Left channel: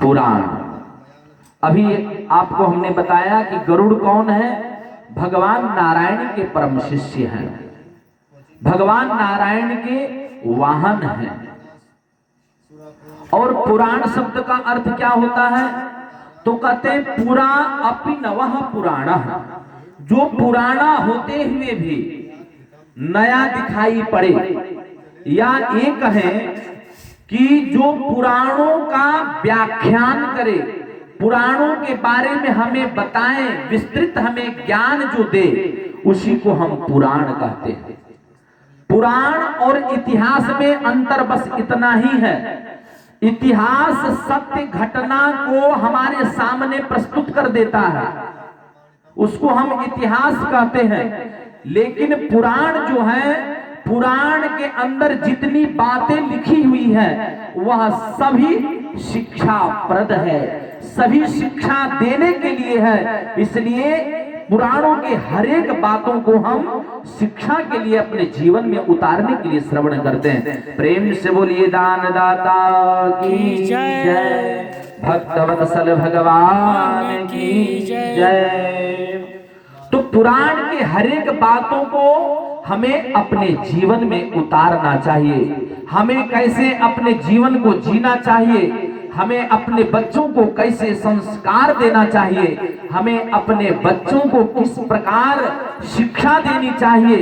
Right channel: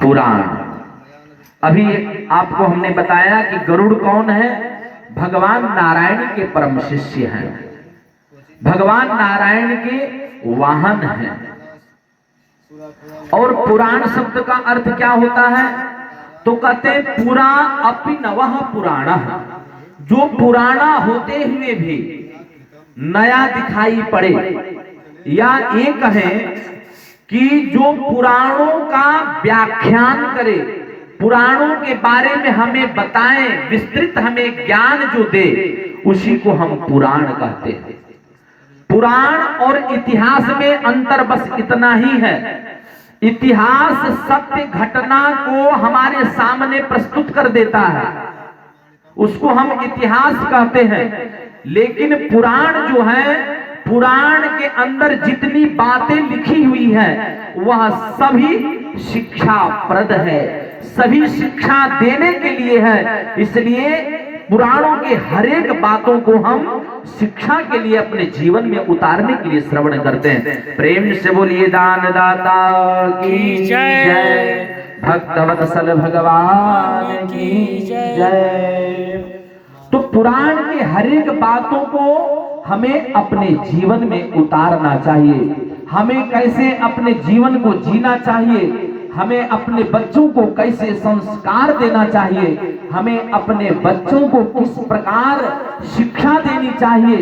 पुराण। अभी आपको हमने बताया कि गरुड़ कौन है? भगवान नारायण के परम शिष्य हैं, भगवान नारायण के वाहन हैं। और पुराण शब्द का अर्थ क्या होता है? तो कहते पुरा अपि नवः पुराण, जो पुराना होते हुए भी नया दिखाई पड़े, या ये कहें कि जो पुराणों का व्याख्यान करे, पुराणों के बारे में हमें बताएं, विस्तृत हमें ज्ञान जो दे, उसी को हम पुराण कहते हैं। पुराण और इतिहास में अंतर बस इतना ही है। इतिहास सत्य घटना को हमारे सामने प्रस्तुत कर देता है, उसको हम इतिहास कहते हैं। लेकिन पुराण जो है, पुराण के अंदर जितनी बातें लिखी हुई है वह सभी शिक्षाप्रद है, सभी शिक्षा देने के लिए है। इसलिए पुराणों के हर एक बातों को हम शिक्षा के लिए अपने जीवन में उतारने के लिए श्रवण करते हैं। प्रेम से बोलिए दान दाता की जय, भक्तवत्सल भगवान की जय। तो पुराण के हर एक बातों को हमें अपने जीवन में उतारना चाहिए। हमें कैसे अपने जीवन को जीना चाहिए, हमें अपने बच्चों को कैसे संस्कार देना चाहिए, हमें अपने बच्चों को किस प्रकार शिक्षा देनी चाहिए,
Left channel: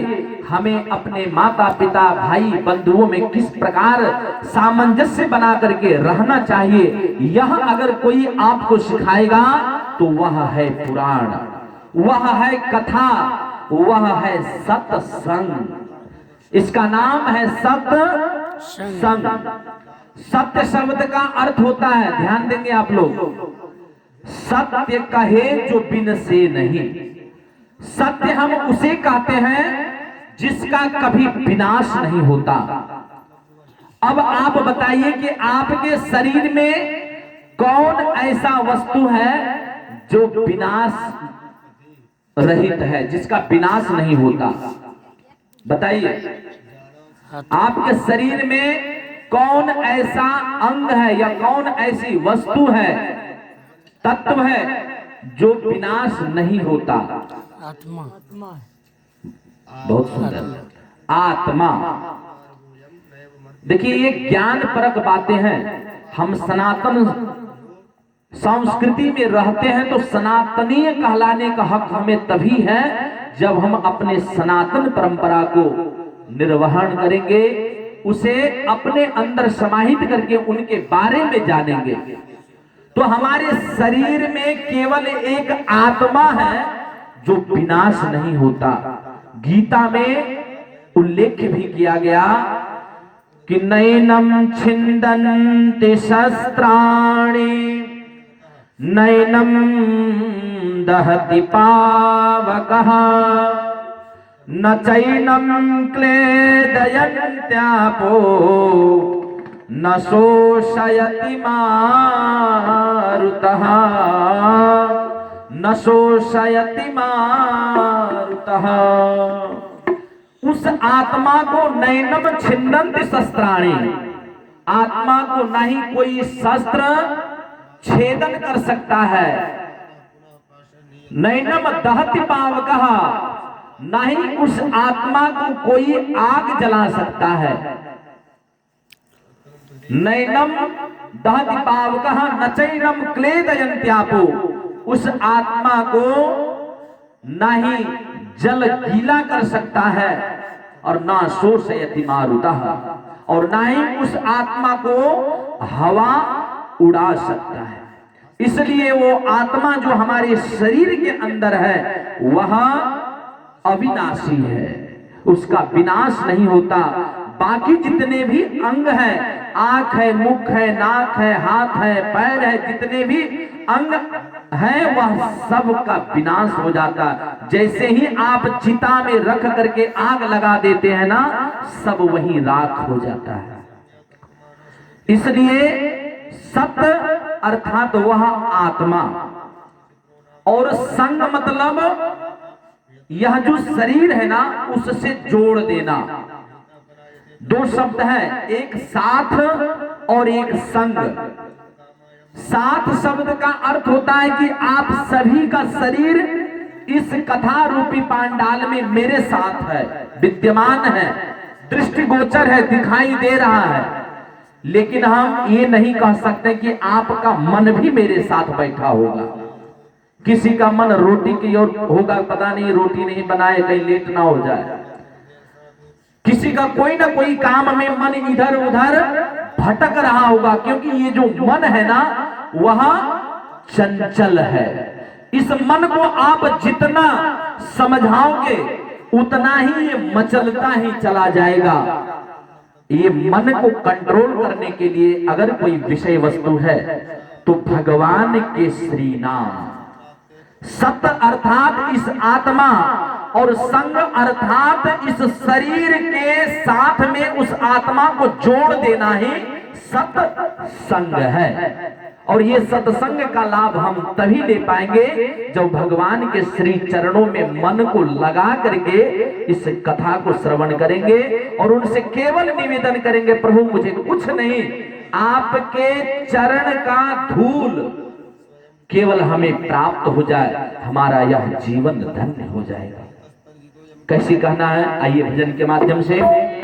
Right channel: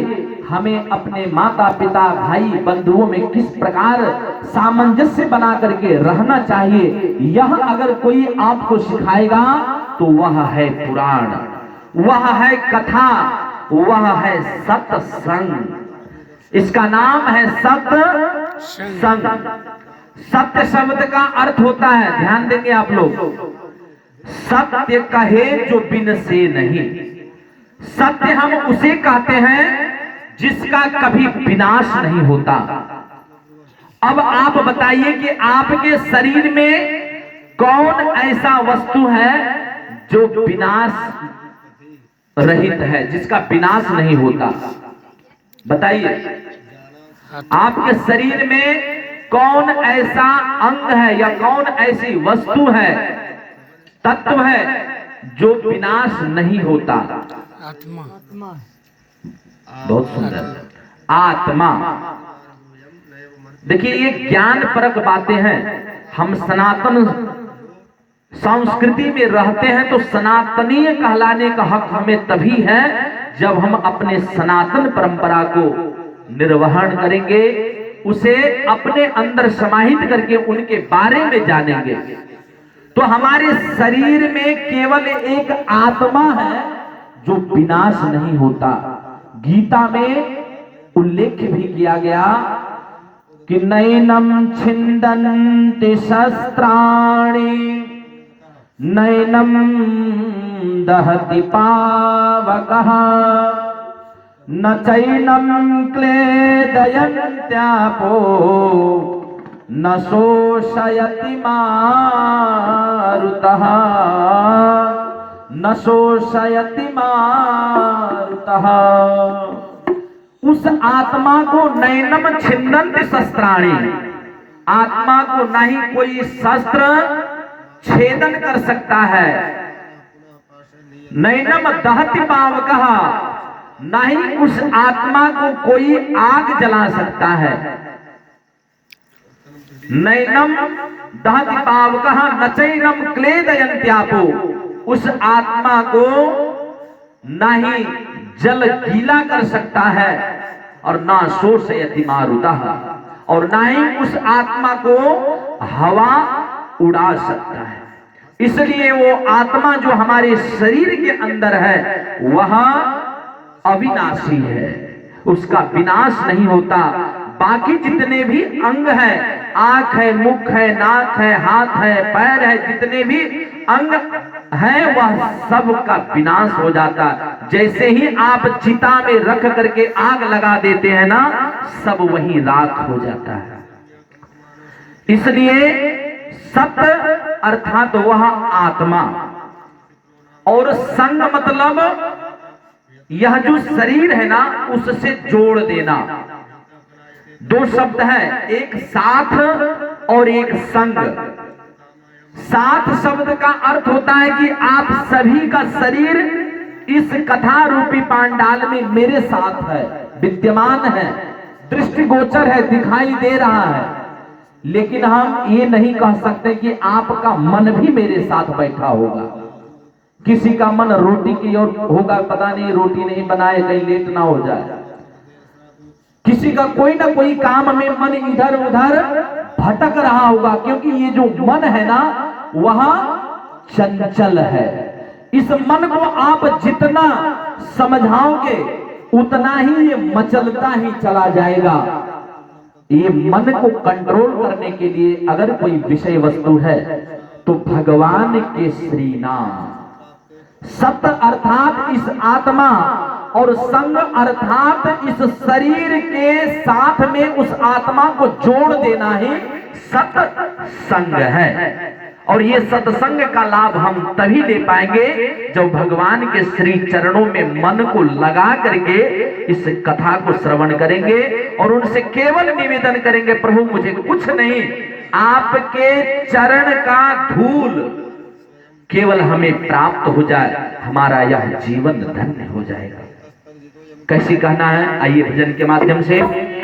हमें अपने माता पिता भाई बंधुओं में किस प्रकार सामंजस्य बना करके रहना चाहिए, यह अगर कोई आपको सिखाएगा तो वह है पुराण, वह है कथा, वह है सत्संग। इसका नाम है सत्संग। सत्य शब्द का अर्थ होता है, ध्यान देंगे आप लोग, सत्य कहे जो बिन से नहीं। सत्य हम उसे कहते हैं जिसका कभी विनाश नहीं होता। अब आप बताइए कि आपके शरीर में कौन ऐसा वस्तु है जो विनाश रहित है, जिसका विनाश नहीं होता? बताइए, आपके शरीर में कौन ऐसा अंग है या कौन ऐसी वस्तु है, तत्व है जो विनाश नहीं होता? आत्मा। बहुत सुंदर, आत्मा। देखिए, ये ज्ञान परक बातें हैं। हम सनातन संस्कृति में रहते हैं तो सनातनीय कहलाने का हक हमें तभी है जब हम अपने सनातन परंपरा को निर्वहन करेंगे, उसे अपने अंदर समाहित करके उनके बारे में जानेंगे। तो हमारे शरीर में केवल एक आत्मा है जो विनाश नहीं होता। गीता में उल्लेख भी किया गया कि नैनम छिन्दन्ति शस्त्राणि नैनम दहति पावकः न चैनम क्लेदयन्त्यापो न शोषयति मारुतः न शोषयति मारुतः। उस आत्मा को नैनम छिन्दन्ति शस्त्राणि, आत्मा को नहीं कोई शस्त्र छेदन कर सकता है। नैनम दहति पावकः, नहीं उस आत्मा को कोई आग जला सकता है। नैनम दहति पावकः न चैनम क्लेदयन्त्यापो, उस आत्मा को नहीं जल गीला कर सकता है और ना शोषयति मारुतः, और ना ही उस आत्मा को हवा उड़ा सकता है। इसलिए वो आत्मा जो हमारे शरीर के अंदर है वह अविनाशी है, उसका विनाश नहीं होता। बाकी जितने भी अंग हैं, आंख है, मुख है, नाक है, हाथ है, पैर है, जितने भी अंग हैं वह सब का विनाश हो जाता। जैसे ही आप चिता में रख करके आग लगा देते हैं ना, सब वहीं राख हो जाता है। इसलिए सत्य अर्थात वह आत्मा, और संग मतलब यह जो शरीर है ना उससे जोड़ देना। दो शब्द है, एक साथ और एक संग। साथ शब्द का अर्थ होता है कि आप सभी का शरीर इस कथा रूपी पांडाल में मेरे साथ है, विद्यमान है, दृष्टिगोचर है, दिखाई दे रहा है। लेकिन हम ये नहीं कह सकते कि आपका मन भी मेरे साथ बैठा होगा। किसी का मन रोटी की ओर होगा, पता नहीं रोटी नहीं बनाए कहीं लेट ना हो जाए। किसी का कोई ना कोई काम में मन इधर उधर भटक रहा होगा, क्योंकि ये जो मन है ना वह चंचल है। इस मन को आप जितना समझाओगे उतना ही ये मचलता ही चला जाएगा। ये मन को कंट्रोल करने के लिए अगर कोई विषय वस्तु है तो भगवान के श्री नाम, सत अर्थात इस आत्मा और संग अर्थात इस शरीर के साथ में उस आत्मा को जोड़ देना ही सत्संग है। और ये सत्संग का लाभ हम तभी ले पाएंगे जब भगवान के श्री चरणों में मन को लगा करके इस कथा को श्रवण करेंगे और उनसे केवल निवेदन करेंगे, प्रभु मुझे कुछ नहीं, आपके चरण का धूल केवल हमें प्राप्त हो जाए, हमारा यह जीवन धन्य हो जाएगा। कैसी कहना है, आइए भजन के माध्यम से